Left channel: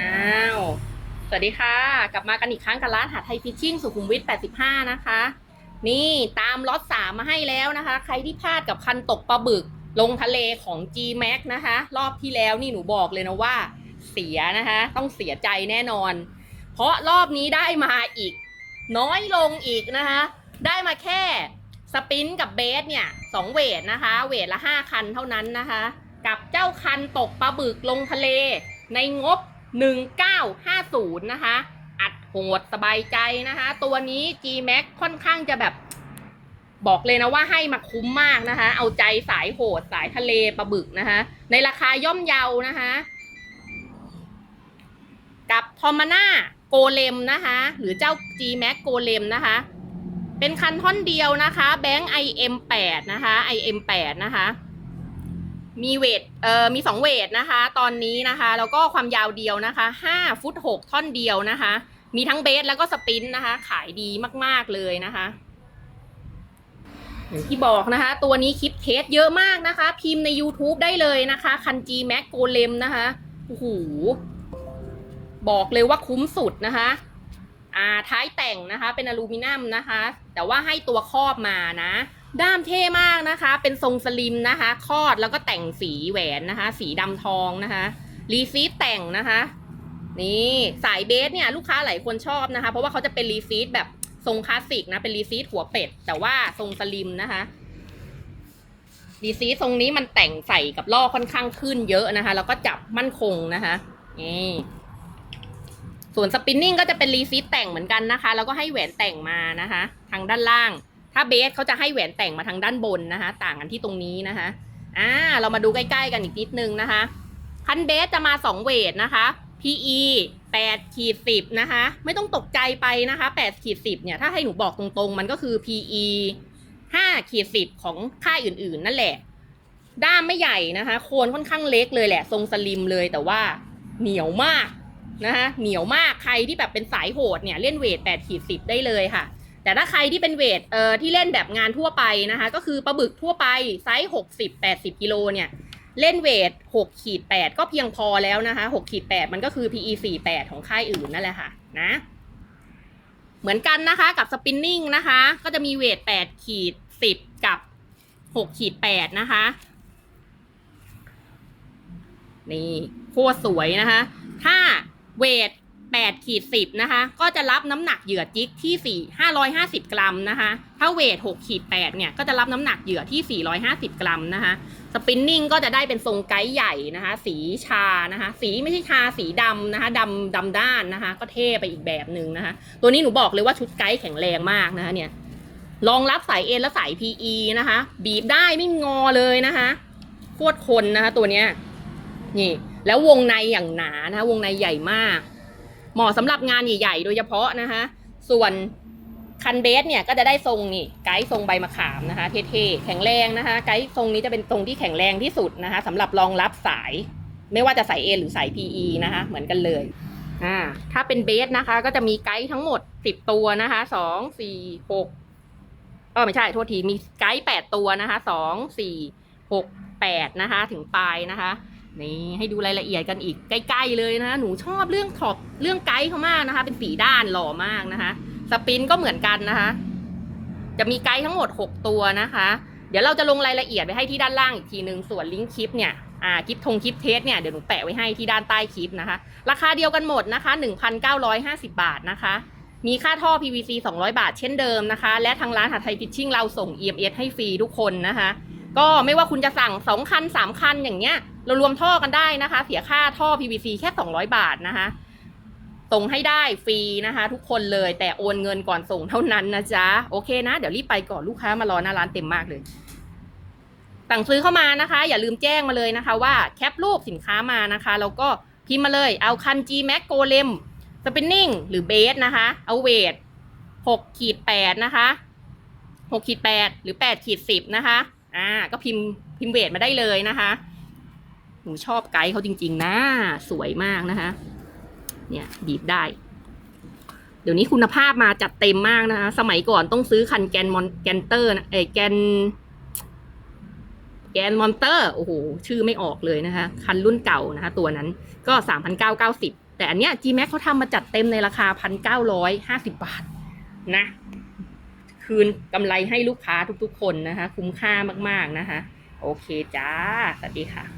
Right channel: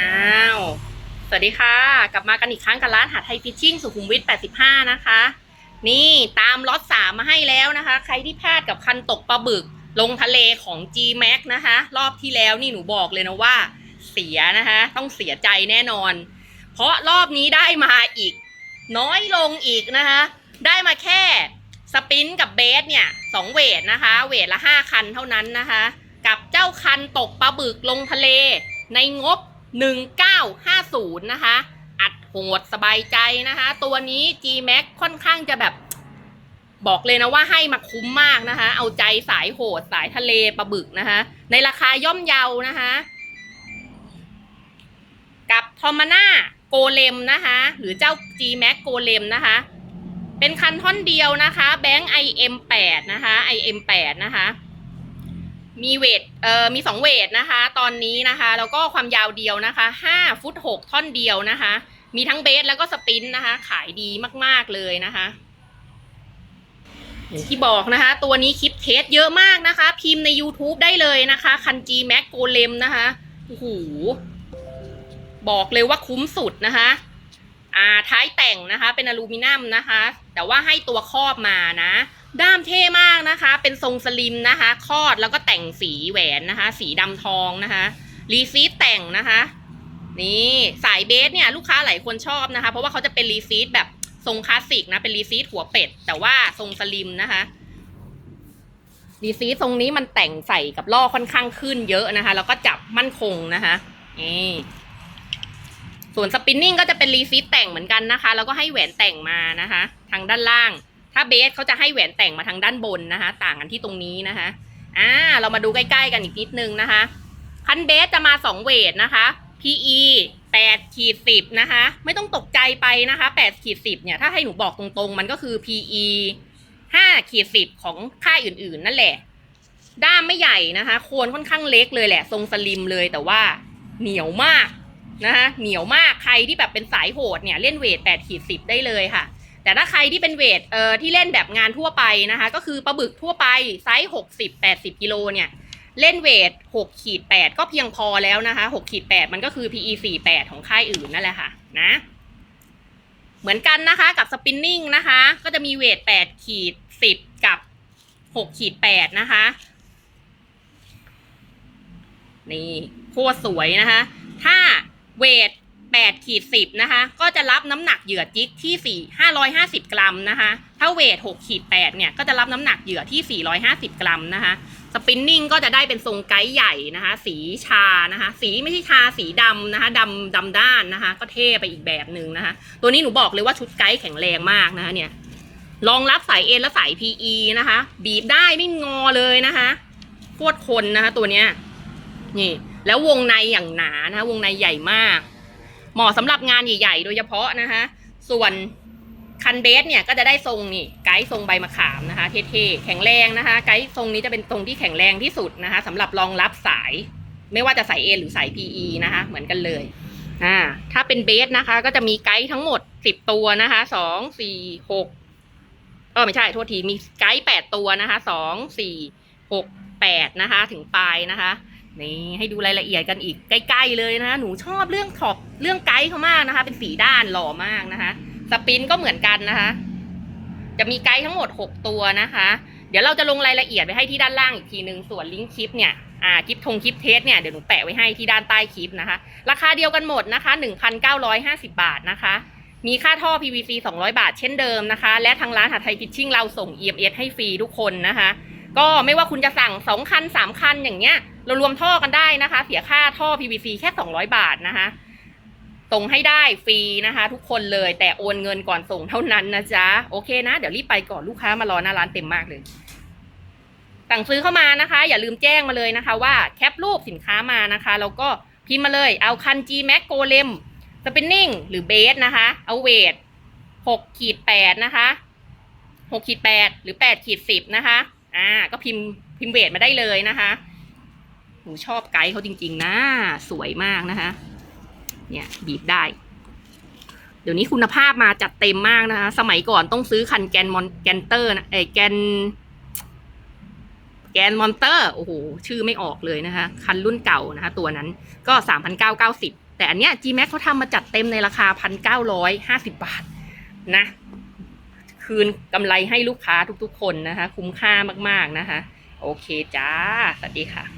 อ้าว สวัสดีค่ะ กลับมากันอีกครั้งกับร้านหาไทยฟิชชิ่งสุขุมวิท 85 นะคะ นี่ตามล็อตสามมาให้แล้วนะคะ ใครที่พลาดกับคันตกปลาบึก ลงทะเลของ G Max นะคะ รอบที่แล้วนี่หนูบอกเลยนะว่าเสียนะคะ ต้องเสียใจแน่นอน เพราะรอบนี้ได้มาอีก น้อยลงอีกนะคะ ได้มาแค่สปินกับเบสเนี่ยสองเวทนะคะ เวทละห้าคันเท่านั้นนะคะ กับเจ้าคันตกปลาบึกลงทะเลในงบ 1950 นะคะ อัดโหดสบายใจนะคะ ตัวนี้ G Max ค่อนข้างจะแบบ บอกเลยนะว่าให้มาคุ้มมากนะคะ เอาใจสายโหดสายทะเลปลาบึกนะคะ ในราคาย่อมเยานะคะ กับทอมาน่าโกเลมนะคะ หรือเจ้า G Max โกเลมนะคะ เป็นคันท่อนเดียวนะคะ แบงค์ IM8 นะคะ IM8 นะคะ มีเวทเอ่อมีสองเวทนะคะ ตอนนี้นะคะ แล้วก็ความยาวเดียวนะคะห้าฟุตหกท่อนเดียวนะคะ มีทั้งเบสแล้วก็สปินนะคะ ขายดีมากๆเลยนะคะอย่างที่บอกนะคะ ตัวนี้คลิปเทสเยอะมากนะคะ พิมพ์ใน YouTube ได้เลยนะคะคัน G Max โกเลมนะคะโอ้โหบอกเลยว่าคุ้มสุดนะคะอ่าท้ายแต่งนะคะ เป็นอลูมิเนียมนะคะ แต่ว่าให้ตัวครอบมานะ ด้ามเท่มากนะคะ เป็นทรงสลิมนะคะ คอดแล้วก็แต่งสีแหวนนะคะ สีดำทองนะคะ รีซีทแต่งนะคะ นี่สายเบสเนี่ยลูกค้าหลายคนชอบนะคะ เพราะว่าเขาจะเป็นรีซีทแบบทรงคลาสสิกนะเป็นรีซีทหัวเป็ด แต่ว่าทรงสลิมนะคะรีซีททรงนี้มันแต่งใส่กับล่อค่อนข้างขึ้นเยอะนะคะ แล้วก็จับมั่นคงนะคะนี่ส่วนสปินนิ่งก็จะเป็นรีซีทแต่งเหมือนกันนะคะ แล้วก็ให้แหวนแต่งมานะคะ ทางด้านล่าง ถ้าเบสเขาจะให้แหวนแต่งมาทางด้านบนนะคะ ต่างกันที่ตรงนี้นะคะอ่าเรามาดูใกล้ๆกันอีกนิดนึงนะคะ คันเบสจะมาสองเวทนะคะ PE 8ขีด10นะคะ ไม่ต้องตกใจไปนะคะ8ขีด10เนี่ย ถ้าให้หนูบอกตรงๆ มันก็คือ PE 5ขีด10ของค่ายอื่นๆ นั่นแหละ ด้ามไม่ใหญ่นะคะ โคนค่อนข้างเล็กเลยแหละ ทรงสลิมเลยแต่ว่าเหนียวมากนะคะ เหนียวมาก ใครที่แบบเป็นสายโหดเนี่ย เล่นเวท8ขีด10ได้เลยค่ะ แต่ถ้าใครที่เป็นเวทเอ่อที่เล่นแบบงานทั่วไปนะคะ ก็คือปลาบึกทั่วไปไซส์หกสิบแปดสิบกิโลเนี่ยเล่นเวทหกขีดแปดก็เพียงพอแล้วนะคะหกขีดแปดมันก็คือ PE สี่แปดของค่ายอื่นนั่นแหละค่ะนะเหมือนกันนะคะกับสปินนิ่งนะคะ ก็จะมีเวทแปดขีดสิบกับหกขีดแปดนะคะ นี่โคตรสวยนะคะ ถ้าเวท 8ขีด10 นะคะ ก็จะรับน้ำหนักเหยื่อจิกที่ 4 550 กรัมนะคะ ถ้าเวท6ขีด8เนี่ย ก็จะรับน้ำหนักเหยื่อที่ 450 กรัมนะคะ สปินนิ่งก็จะได้เป็นทรงไกด์ใหญ่นะคะ สีชานะคะ สีไม่ใช่ชาสีดำนะคะดำดำด้านนะคะ ก็เท่ไปอีกแบบหนึ่งนะคะ ตัวนี้หนูบอกเลยว่าชุดไกด์แข็งแรงมากนะคะเนี่ย รองรับสายเอ็นและสาย PE นะคะ บีบได้ไม่งอเลยนะคะโคตรคนนะคะ ตัวเนี้ย นี่ แล้ววงในอย่างหนานะคะ วงในใหญ่มาก เหมาะสำหรับงานใหญ่ๆ โดยเฉพาะนะคะ ส่วนคันเบสเนี่ยก็จะได้ทรงนี่ไกด์ทรงใบมะขามนะคะ เท่ๆ แข็งแรงนะคะ ไกด์ทรงนี้จะเป็นทรงที่แข็งแรงที่สุดนะคะสำหรับรองรับสาย ไม่ว่าจะสาย A หรือสาย PE นะคะ เหมือนกันเลยอ่าถ้าเป็นเบสนะคะ ก็จะมีไกด์ทั้งหมดสิบตัวนะคะสองสี่หกเออไม่ใช่โทษทีมีไกด์แปดตัวนะคะสองสี่หกแปดนะคะ ถึงปลายนะคะ นี่ให้ดูรายละเอียดกันอีกใกล้ๆเลยนะหนูชอบเรื่องขอบเรื่องไกด์เขามากนะคะ เป็นสีด้านหล่อมากนะคะ สปินก็เหมือนกันนะคะ จะมีไกด์ทั้งหมด 6 ตัวนะคะ เดี๋ยวเราจะลงรายละเอียดไว้ให้ที่ด้านล่างอีกทีหนึ่งส่วนลิงก์คลิปเนี่ยอ่าคลิปทงคลิปเทสเนี่ยเดี๋ยวหนูแปะไว้ให้ที่ด้านใต้คลิปนะคะ ราคาเดียวกันหมดนะคะ 1,950 บาทนะคะ มีค่าท่อ PVC 200 บาทเช่นเดิมนะคะ และทางร้านหาไทยฟิชชิ่งเราส่ง EMS ให้ฟรีทุกคนนะคะ ก็ไม่ว่าคุณจะสั่ง 2 คัน 3 คันอย่างเงี้ย เรารวมท่อกันได้นะคะ เสียค่าท่อ PVC แค่ 200 บาทนะคะส่งให้ได้ฟรีนะคะ ทุกคนเลยแต่โอนเงินก่อนส่งเท่านั้นนะจ๊ะโอเคนะ เดี๋ยวรีบไปก่อนลูกค้ามารอหน้าร้านเต็มมากเลย สั่งซื้อเข้ามานะคะ อย่าลืมแจ้งมาเลยนะคะ ว่าแคปรูปสินค้ามานะคะแล้วก็พิมพ์มาเลยเอาคัน G Max g o l e m Spinning หรือเบสนะคะ เอาเวท6ขีด8นะคะ6ขีด8หรือ8ขีด10นะคะอ่าก็พิมพ์พิมพ์เวทมาได้เลยนะคะ หนูชอบไกด์เขาจริง ๆ นะ สวยมากนะคะ เนี่ยบีบได้ เดี๋ยวนี้คุณภาพมาจัดเต็มมากนะคะ สมัยก่อนต้องซื้อคันแกนมอนแกนเตอร์นะเอแกน แกนมอนเตอร์โอ้โหชื่อไม่ออกเลยนะคะ คันรุ่นเก่านะคะ ตัวนั้นก็สามพันเก้าเก้าสิบแต่อันเนี้ย G-Max เขาทำมาจัดเต็มในราคา1,950บาทนะ คืนกำไรให้ลูกค้าทุกๆคนนะคะ คุ้มค่ามากๆนะคะ โอเคจ้า สวัสดีค่ะ